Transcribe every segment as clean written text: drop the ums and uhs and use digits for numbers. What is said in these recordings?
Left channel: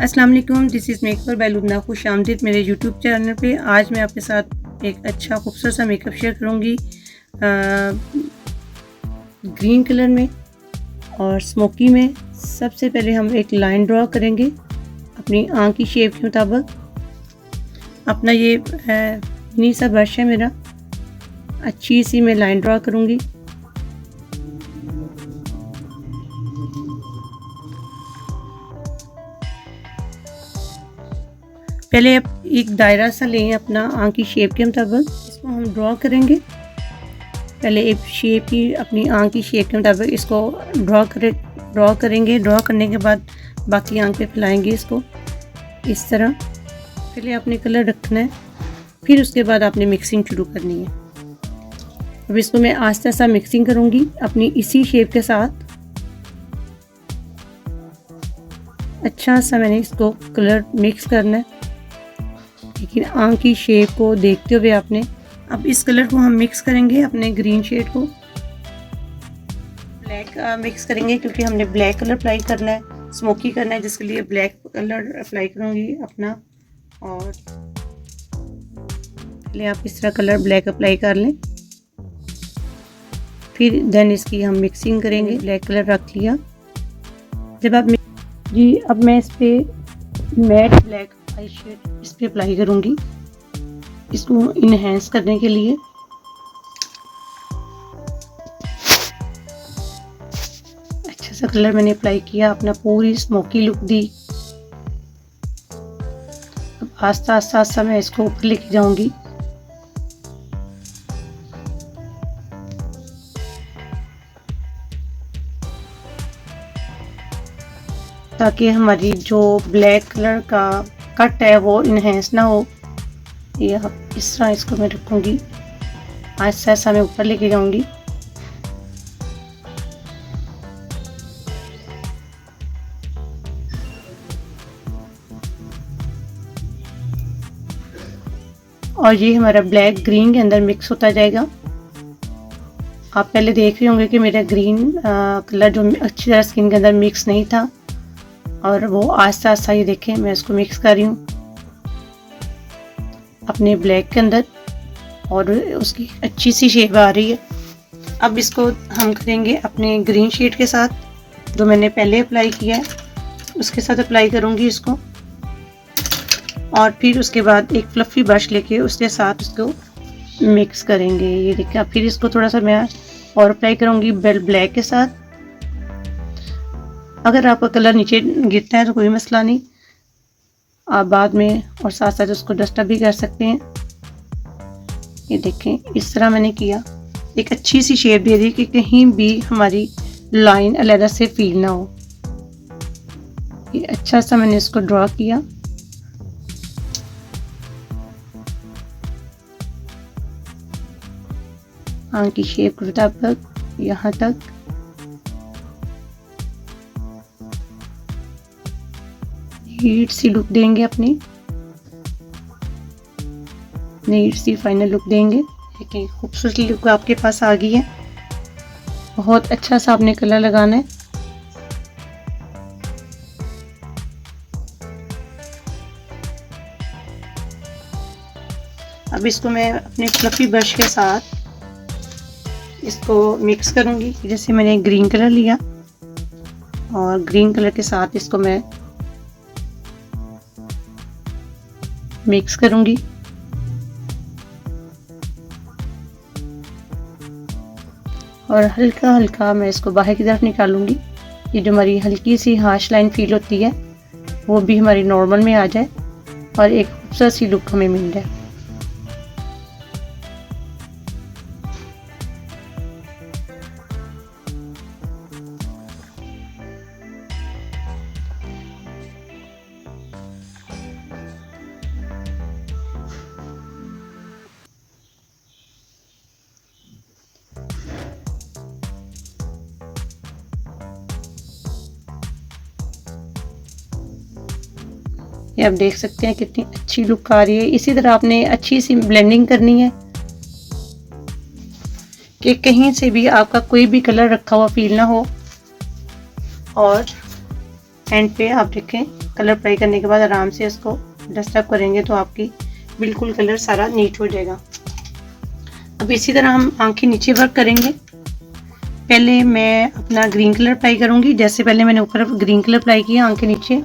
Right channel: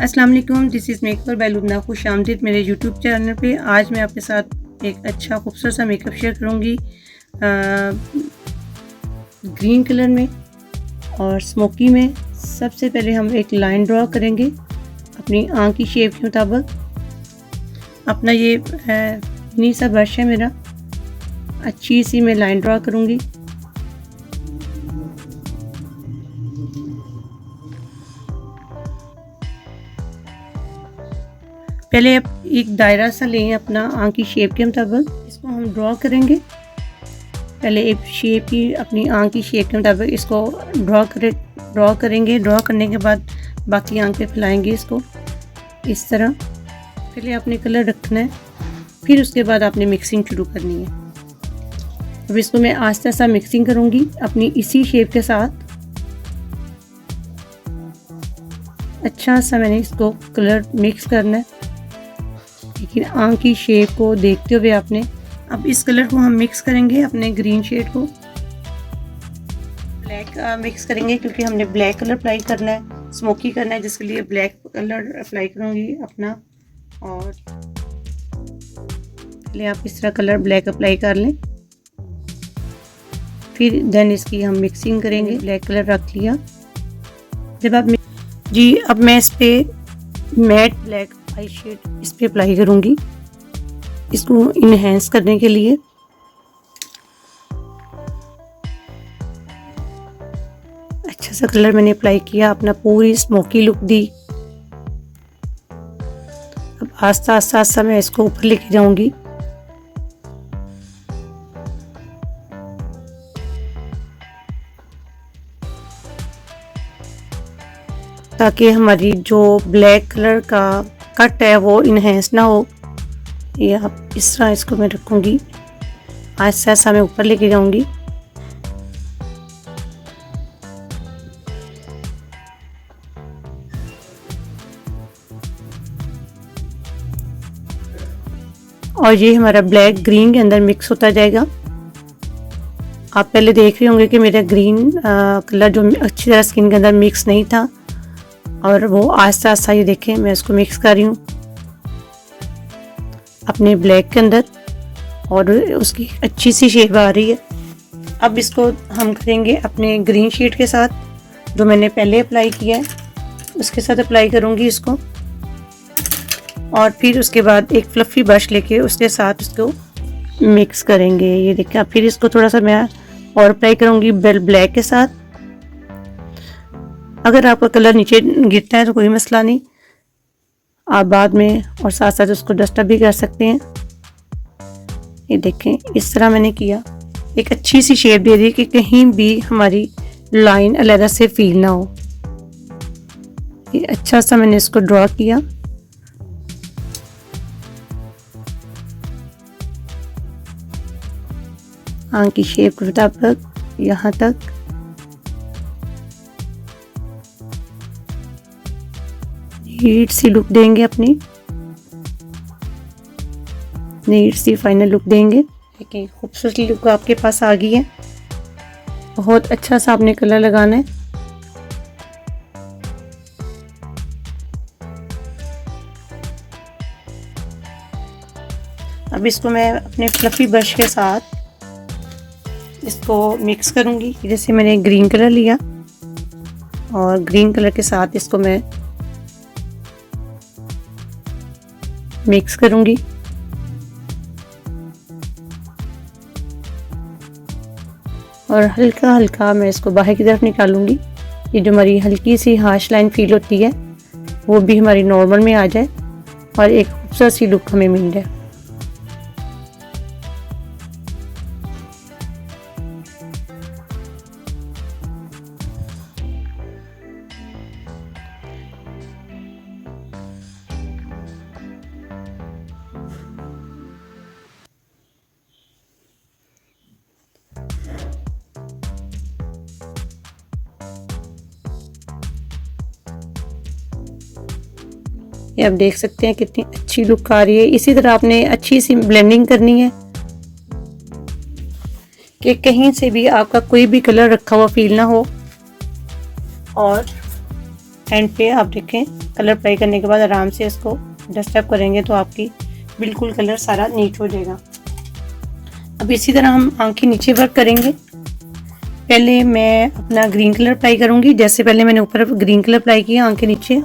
अस्सलाम वालेकुम, this is makeup bye Lubna. खुश आमदीद मेरे यूट्यूब चैनल पे। आज मैं आपके साथ एक अच्छा खूबसूरत सा मेकअप शेयर करूँगी ग्रीन कलर में और स्मोकी में। सबसे पहले हम एक लाइन ड्रॉ करेंगे अपनी आँख की शेप के मुताबिक। अपना ये मिनी सा ब्रश है मेरा, अच्छी सी मैं लाइन ड्रॉ करूँगी। पहले आप एक दायरा सा लें अपना आँख की शेप के मुताबिक, इसको हम ड्रॉ करेंगे। पहले एक शेप की अपनी आँख की शेप के मुताबिक इसको ड्रॉ करेंगे। ड्रॉ करने के बाद बाकी आँख पे फैलाएंगे इसको इस तरह। पहले आपने कलर रखना है, फिर उसके बाद आपने मिक्सिंग शुरू करनी है। अब इसको मैं आस्ते आस्ते मिक्सिंग करूँगी अपनी इसी शेप के साथ। अच्छा सा मैंने इसको कलर मिक्स करना है, लेकिन आँख की शेप को देखते हुए आपने। अब इस कलर को हम मिक्स करेंगे अपने ग्रीन शेड को। ब्लैक मिक्स करेंगे क्योंकि हमने ब्लैक कलर अप्लाई करना है, स्मोकी करना है, जिसके लिए ब्लैक कलर अप्लाई करूँगी अपना। और पहले आप इस तरह कलर ब्लैक अप्लाई कर लें, फिर देन इसकी हम मिक्सिंग करेंगे। ब्लैक कलर रख लिया। जब आप अब मैं इस पे मैट ब्लैक आई शेड इस पे अप्लाई करूँगी, इसको इनहेंस करने के लिए। अच्छा सा कलर मैंने अप्लाई किया, अपना पूरी स्मोकी लुक दी। अब आस्ता आस्ता मैं इसको ऊपर लेके जाऊंगी। ताकि हमारी जो ब्लैक कलर का कट है वो इनहेंस ना हो। ये अब इस तरह इसको मैं रखूँगी, ऐसा ऐसा मैं ऊपर लेके जाऊँगी। और ये हमारा ब्लैक ग्रीन के अंदर मिक्स होता जाएगा। आप पहले देख रहे होंगे कि मेरा ग्रीन कलर जो अच्छी तरह स्किन के अंदर मिक्स नहीं था, और वो आस्ता आस्ता ये देखें मैं इसको मिक्स कर रही हूँ अपने ब्लैक के अंदर, और उसकी अच्छी सी शेप आ रही है। अब इसको हम करेंगे अपने ग्रीन शेड के साथ, जो मैंने पहले अप्लाई किया है उसके साथ अप्लाई करूँगी इसको। और फिर उसके बाद एक फ्लफ़ी ब्रश लेके उसके साथ उसको मिक्स करेंगे। ये देखिए, फिर इसको थोड़ा सा मैं और अप्लाई करूँगी ब्लैक के साथ। अगर आपका कलर नीचे गिरता है तो कोई मसला नहीं, आप बाद में और साथ साथ उसको डस्टअप भी कर सकते हैं। ये देखें, इस तरह मैंने किया, एक अच्छी सी शेप दे दी कि कहीं भी हमारी लाइन अलग से फील ना हो। ये अच्छा सा मैंने इसको ड्रॉ किया। आँख की शेप के मुताबिक यहाँ तक। नीट सी लुक देंगे, अपनी नीट सी फाइनल लुक देंगे। देखिए, खूबसूरत लुक आपके पास आ गई है। बहुत अच्छा सा आपने कलर लगाना है। अब इसको मैं अपने फ्लफी ब्रश के साथ इसको मिक्स करूंगी। जैसे मैंने ग्रीन कलर लिया और ग्रीन कलर के साथ इसको मैं मिक्स करूंगी। और हल्का हल्का मैं इसको बाहर की तरफ निकालूंगी। ये जो हमारी हल्की सी हार्श लाइन फील होती है वो भी हमारी नॉर्मल में आ जाए और एक खूबसूरत सी लुक हमें मिल जाए। ये आप देख सकते हैं कितनी अच्छी लुक आ रही है। इसी तरह आपने अच्छी सी ब्लेंडिंग करनी है कि कहीं से भी आपका कोई भी कलर रखा हुआ फील ना हो। और एंड पे आप देखें कलर अप्लाई करने के बाद आराम से इसको डस्टअप करेंगे तो आपकी बिल्कुल कलर सारा नीट हो जाएगा। अब इसी तरह हम आँख के नीचे वर्क करेंगे। पहले मैं अपना ग्रीन कलर अप्लाई करूँगी, जैसे पहले मैंने ऊपर ग्रीन कलर अप्लाई किया आँख के नीचे,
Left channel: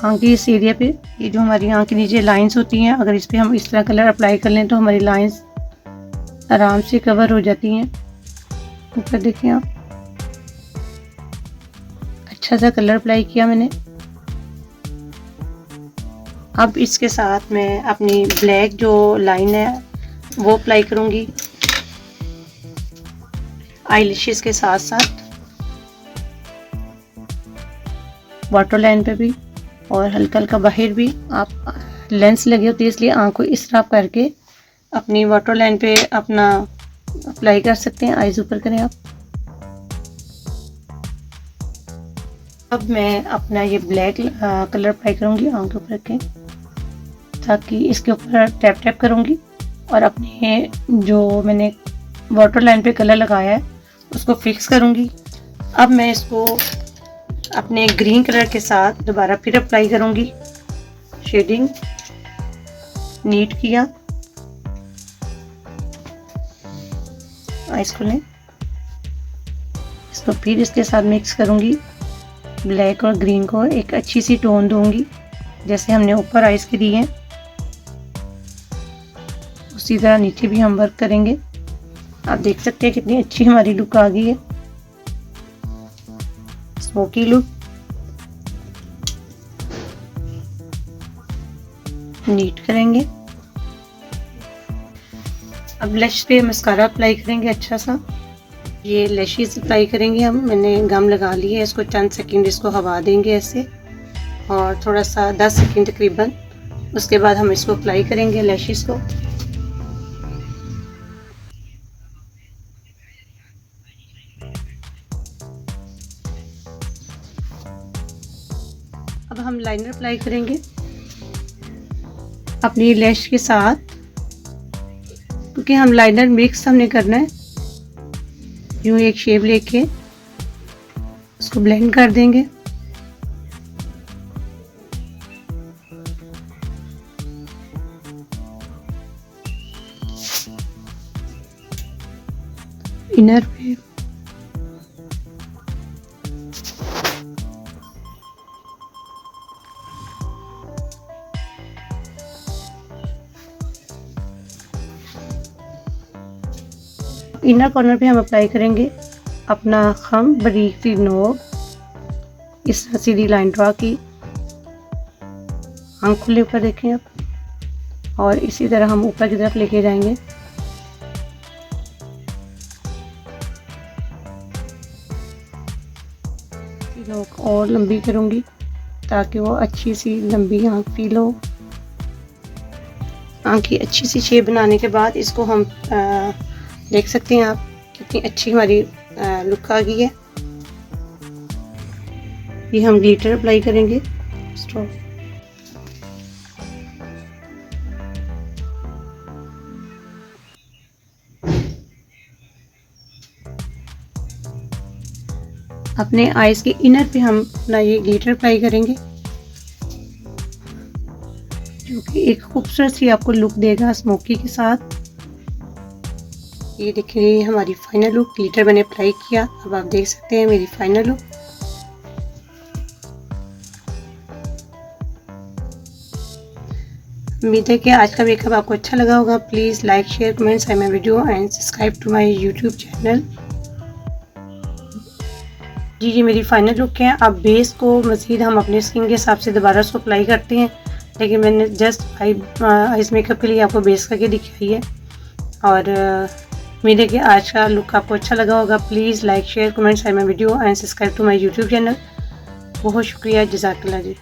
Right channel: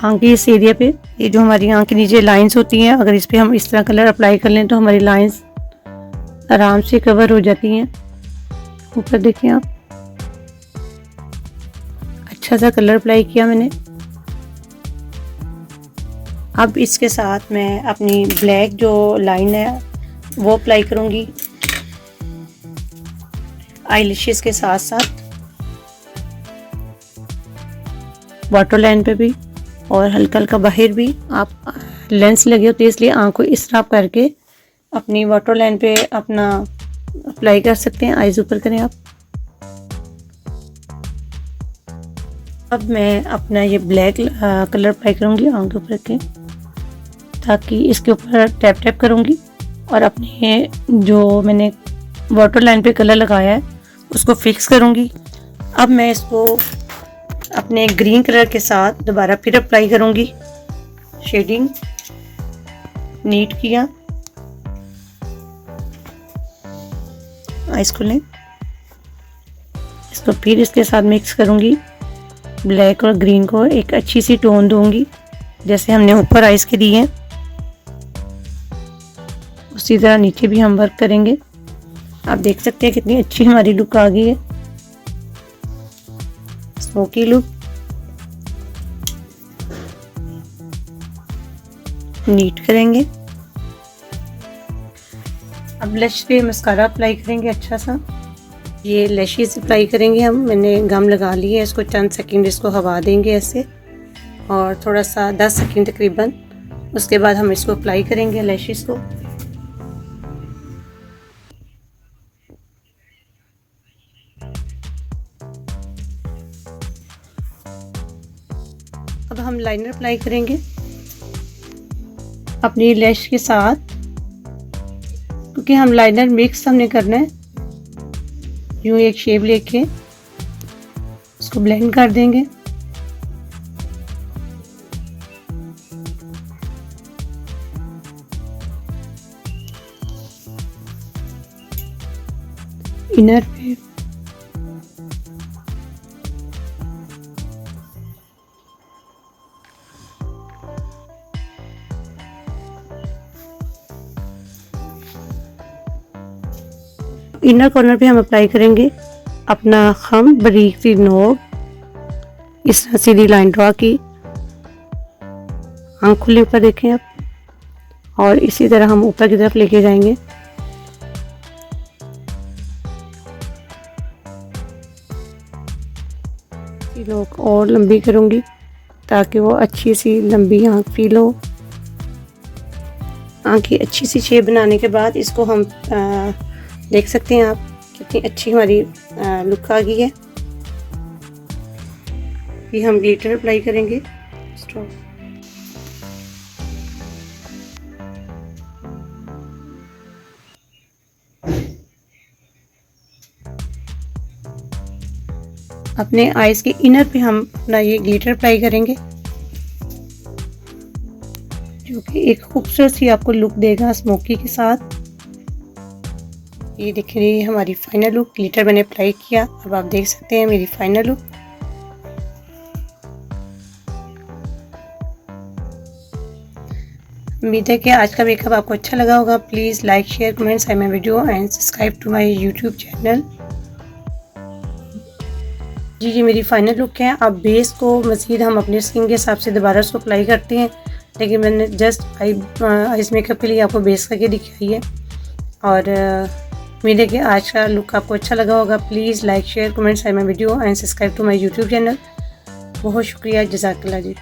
आँख के इस एरिया पे, ये जो हमारी आँख के नीचे लाइंस होती हैं, अगर इस पर हम इस तरह कलर अप्लाई कर लें तो हमारी लाइंस आराम से कवर हो जाती हैं। ऊपर देखिए आप, अच्छा सा कलर अप्लाई किया मैंने। अब इसके साथ मैं अपनी ब्लैक जो लाइन है वो अप्लाई करूँगी आईलैशेस के साथ साथ, वाटर लाइन पे भी और हल्का हल्का बाहर भी। आप लेंस लगे होते हैं इसलिए आँख को इस तरह करके अपनी वाटर लाइन पे अपना अप्लाई कर सकते हैं। आईज ऊपर करें आप। अब मैं अपना ये ब्लैक कलर अप्लाई करूँगी आँख के ऊपर के, ताकि इसके ऊपर टैप टैप करूँगी और अपने जो मैंने वाटर लाइन पे कलर लगाया है उसको फिक्स करूँगी। अब मैं इसको अपने ग्रीन कलर के साथ दोबारा फिर अप्लाई करूँगी। शेडिंग नीट किया, आइस को लें, इसको फिर इसके साथ मिक्स करूँगी। ब्लैक और ग्रीन को एक अच्छी सी टोन दूंगी जैसे हमने ऊपर आइस के दिए हैं, उसी तरह नीचे भी हम वर्क करेंगे। आप देख सकते हैं कितनी अच्छी हमारी लुक आ गई है, स्मोकी लुक, नीट करेंगे। अब लैश पे मस्कारा अप्लाई करेंगे अच्छा सा। ये लैशेस अप्लाई करेंगे हम, मैंने गम लगा ली है, इसको चंद सेकंड इसको हवा देंगे ऐसे, और थोड़ा सा 10 सेकंड तकरीबन, उसके बाद हम इसको अप्लाई करेंगे लैशेस को। अब हम लाइनर अप्लाई करेंगे अपनी लैश के साथ, क्योंकि हम लाइनर मिक्स हमने करना है। यूँ एक शेप लेके उसको ब्लेंड कर देंगे। इनर पे इनर कॉर्नर पे हम अप्लाई करेंगे अपना खम बारीक सी नोक, इस तरह सीधी लाइन ड्रा की, आँख खुले ऊपर देखें आप, और इसी तरह हम ऊपर की तरफ लेके जाएंगे। नोक और लंबी करूँगी ताकि वो अच्छी सी लंबी आँख फील हो। आँख की अच्छी सी शेप बनाने के बाद इसको हम देख सकते हैं आप कितनी अच्छी हमारी लुक आ गई है। ये हम ग्लिटर अप्लाई करेंगे। अपने आईज के इनर पे हम अपना ये ग्लिटर अप्लाई करेंगे, जो कि एक खूबसूरत सी आपको लुक देगा स्मोकी के साथ। ये देखिए ये हमारी फाइनल लुक, ग्लिटर मैंने अप्लाई किया। अब आप देख सकते हैं मेरी फाइनल लुक। उम्मीद है कि आज का मेकअप आपको अच्छा लगा होगा। Please like share comments my video and subscribe to my YouTube channel. जी मेरी फाइनल लुक है। अब बेस को मज़ीद हम अपने स्किन के हिसाब से दोबारा उसको अप्लाई करते हैं, लेकिन मैंने जस्ट आइज मेकअप के लिए आपको बेस करके दिखाई है। और उम्मीद है कि आज का लुक आपको अच्छा लगा होगा। Please like share comments my video and subscribe to my YouTube channel. बहुत शुक्रिया, जज़ाकल्लाह जी।